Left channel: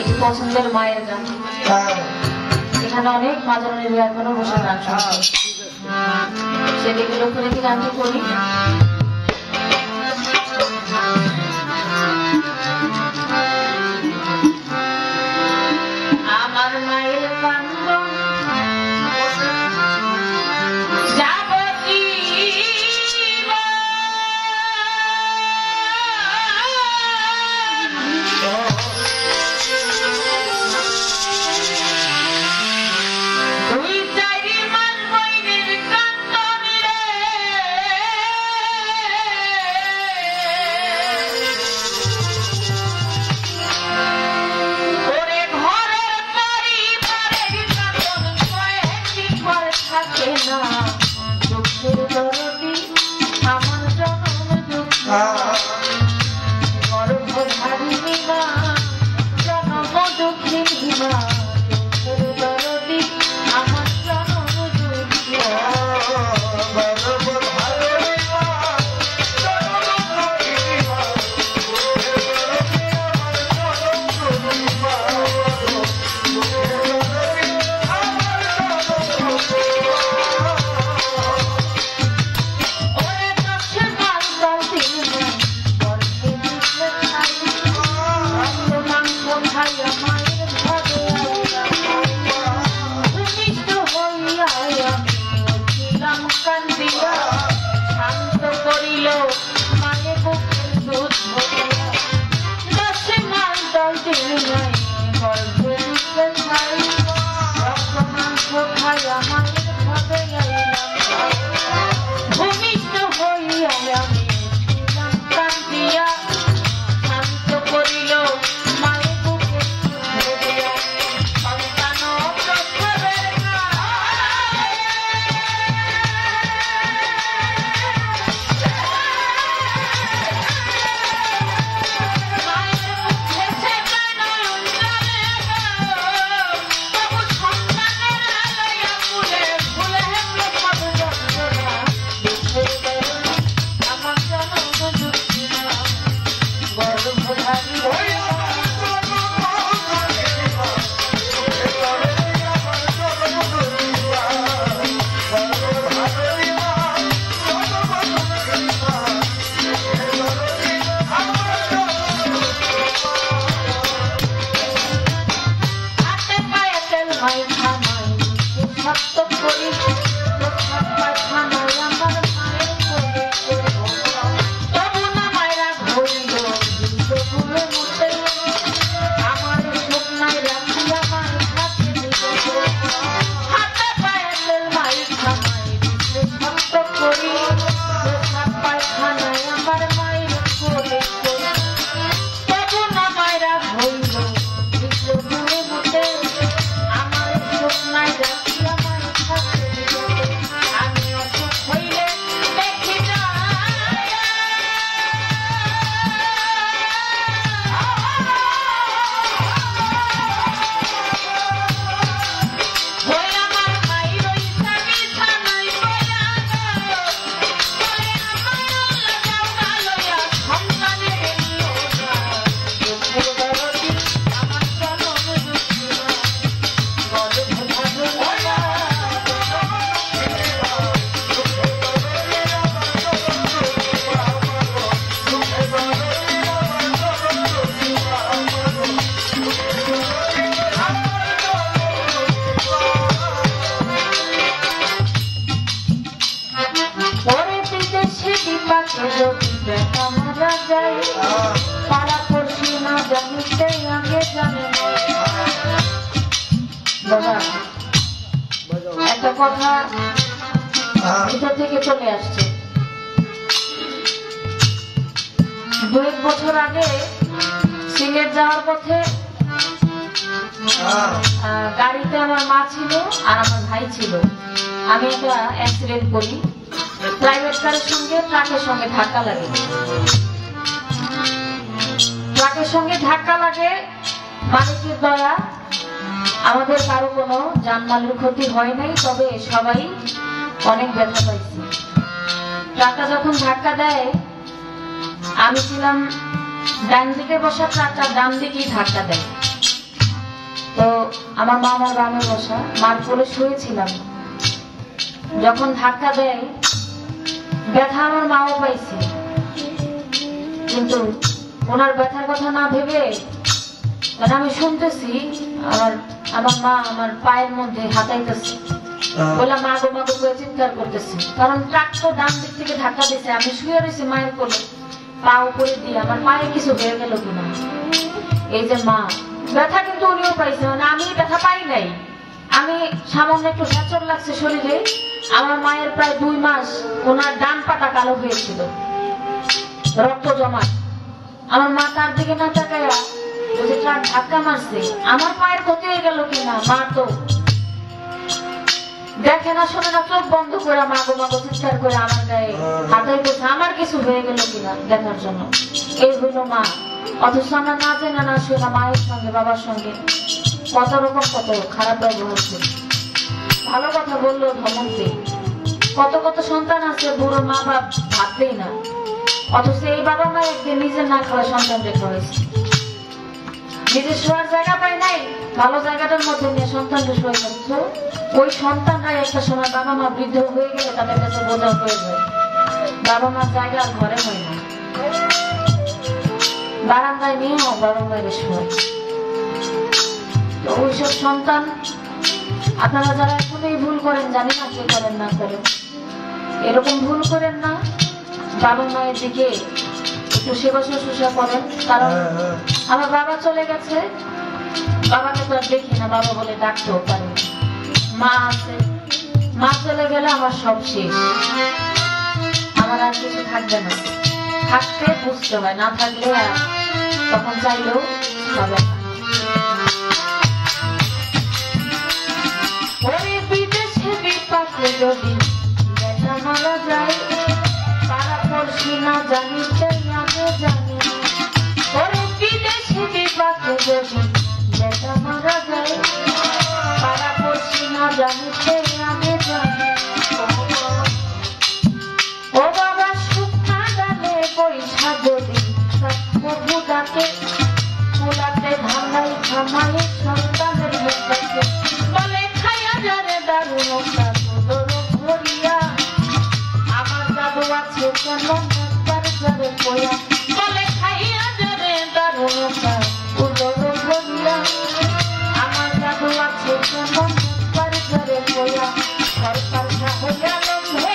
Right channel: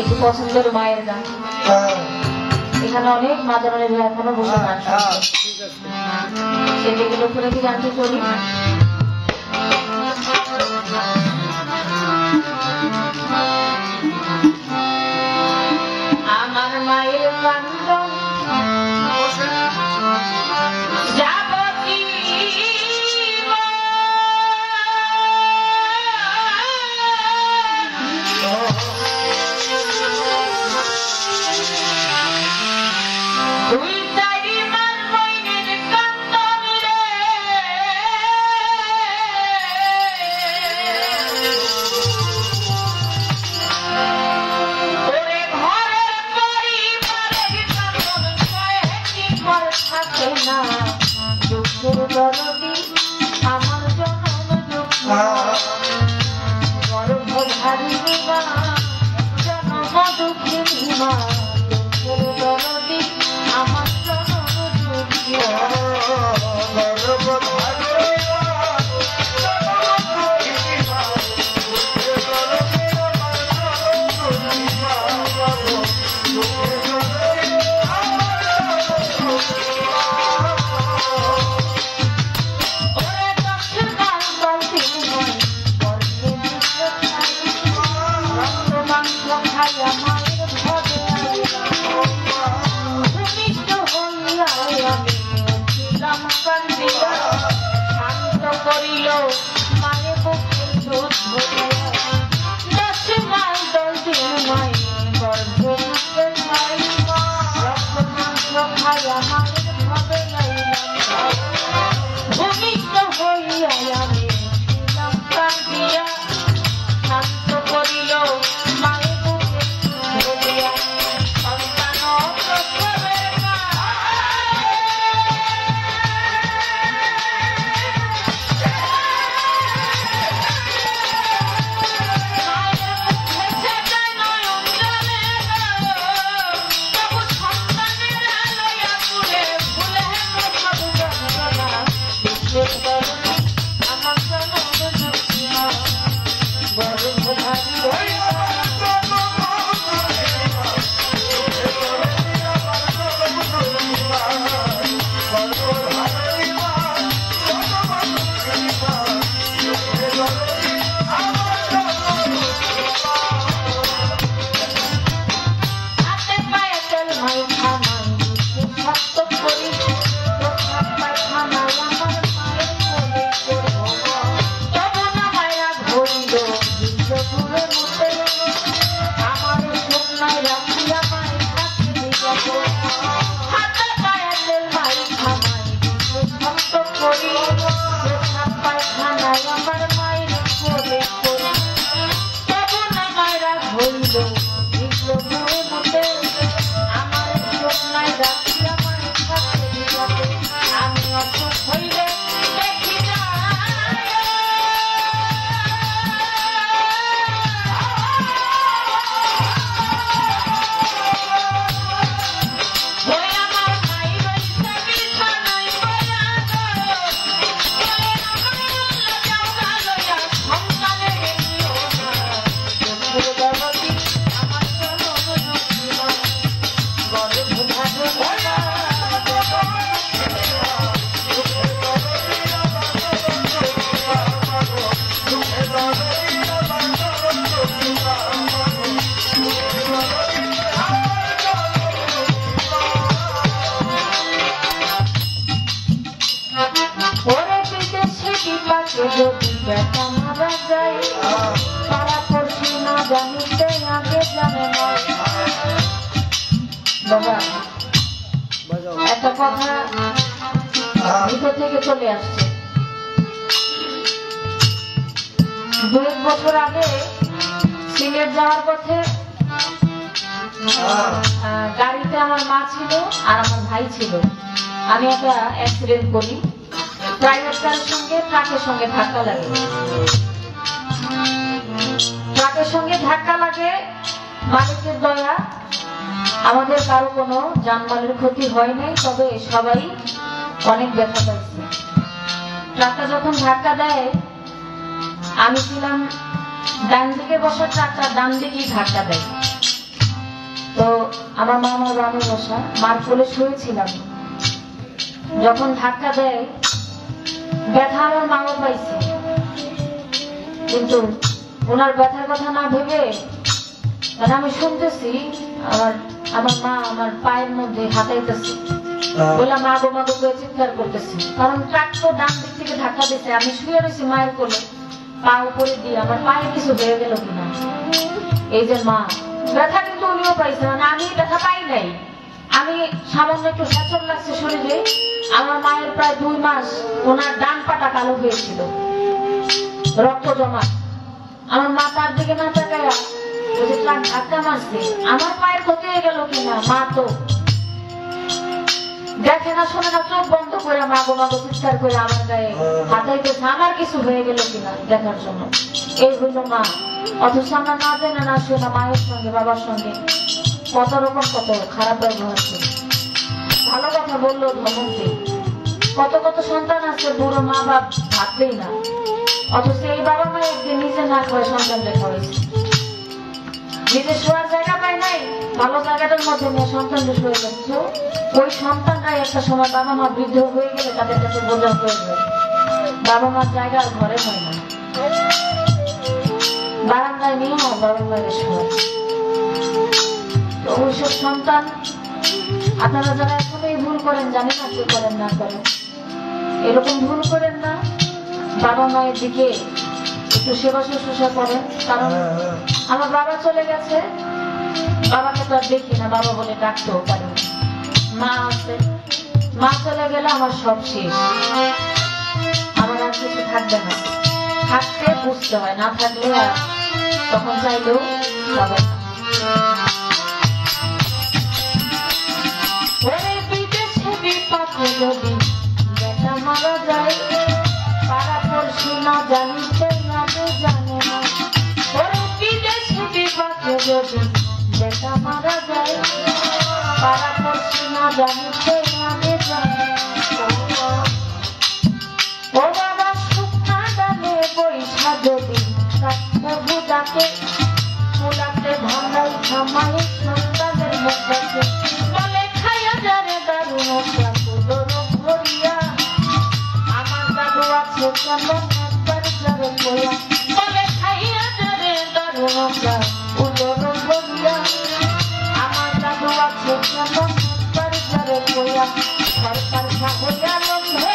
একটু পছন্দের মায়ের গান, এখানে অনেক মাদনের এখনো বসে গান শুনছে, সেদিকের উপরে কি গানটি করি। আমার মায়ের কান্দন একটা কথা ভিতর থেকে চলে আসছে। 2 বছর আগে সিলেট যাওয়ার পথে গাড়িতে আমার মা ছিল আর আমার ভাই ছিল। আমি একটা অ্যাক্সিডেন্ট করি, প্রাইভেট কারের সঙ্গে ট্রাকের সঙ্গে ধাক্কা লাগে। ট্রাকের সঙ্গে ধাক্কা লাগে, মালিকের দয়া আমাদের কারো কোনো জানমালের ক্ষতি হয় নাই, তবে সবাই অনেক ব্যথা পাইছে। ট্রাকটা যখন ধাক্কা দেয় আমি ছিলাম ডান দিকে বসা, ট্রাকটার ডান দিকেই ধাক্কা দেয়। তো আমার মা আমার গ্রামে বসা, মার কোলে শুয়েছিলাম। যখন ধাক্কা দেয় ব্যথা আমার মাও পাইছে, কিন্তু ওনার ব্যথার কথা না ভেবে আমি শুনতেছি আমার মা আমার পায়ের মধ্যে হাতাইতেছে, বলে মা গো মা গো করে চিৎকার করতেছে। কারণ ট্রাক তো ডান দিক থেকে ধাক্কা দিচ্ছে, আমি শুয়ে রয়েছি মায়ের কোলে, পা উপরে দিয়ে আমার পায়ে কিছু হয়ে গেল কিনা। এই যে মা ব্যথা কিন্তু উনিও পাইছে, মানে আমি ব্যথা পাই নাই, আমি সামান্য একটু ফ্র্যাকচার লাগছে শরীরে। আমার মায়ের প্রায় 2 মাস ওনার ডান পাটা কালো হয়েছিল, রক্ত জমা। আমার মা তার দিকে না তাকায়া যে ট্রাক ধাক্কা মারছে, আমার পায়ের ক্ষতি হয়ে গেল কিনা মা তো দেখে না, শোনে না, চোখ বন্ধ করে মা গো মা গো চিৎকার করে আমার গায়ে হাতাইতেছে আমার কিছু হয়ে গেল কিনা দেখার জন্য। এই হইল মা। অথচ আমরা না জানা না শোনা মায়ের সঙ্গে বাবার সঙ্গে কত রকম কত খারাপ ব্যবহার করে, ভালো কথা বললো ধমকে। কত কত সন্তান আছে বুড়ো মা বাপ ভাবতেই না, অথচ এই বাবা মা একদিন নিজে না করে সন্তানকে খাওয়াইছে। নিজে শোয়ার জায়গা পায় নাই, ভালো জায়গাটার মধ্যে নিয়ে সন্তানকে শুয়ে যাচ্ছে। ওই সন্তানরা একটা সময় বাবা মা বৃদ্ধ হয়ে গেলে তাদের কাছে বোঝা হয়ে যায়, বাবা মার জায়গা আর ঘরে হয় না, বারান্দায় নিয়ে বাবা মায়ের শোয়। ওইসব সন্তান আপনারা যারা এখন এই ভুল করেন, জানি না কে করেন না করেন, এরকম ভুল করেন না। বাবা মায়ের দিকে একটু সেবা শুশ্রূষা করেন। কারণ আমার বাবা চলে গেছে, বাবাকে তো আর দেখি না, বাবা বলে ডাকতেও পারি। মা আছে, মা চলে গেলে আমার সব শেষ, আমার আর কিছু থাকবে না। থাকতে বুঝতে হয়, না থাকলে আর তখন চাইলেও যাবে না। যদি দেখা মারা যায় তারা পড়ছি না জানিতে না জানে, ওই বিদেশি বিপাকে যদি দেখা মারা যায় তারা পড়ছি না জানিতে না জানে। ও বাবা শুকনা ডালে বৈশা যদি প্রভু ডাকে, ফুলাতে ধানাই থামাই সন্তানের মুখে বলে খাইয়া যারে দারুণ আমার দাদু আছে কেমন একবার যাবে বলে খাইয়া যাবে দারুণটা উদর ভরিয়া। আমার দাদু আছে কেমন একবার যাবে বলে সরকার হইয়া লম্বে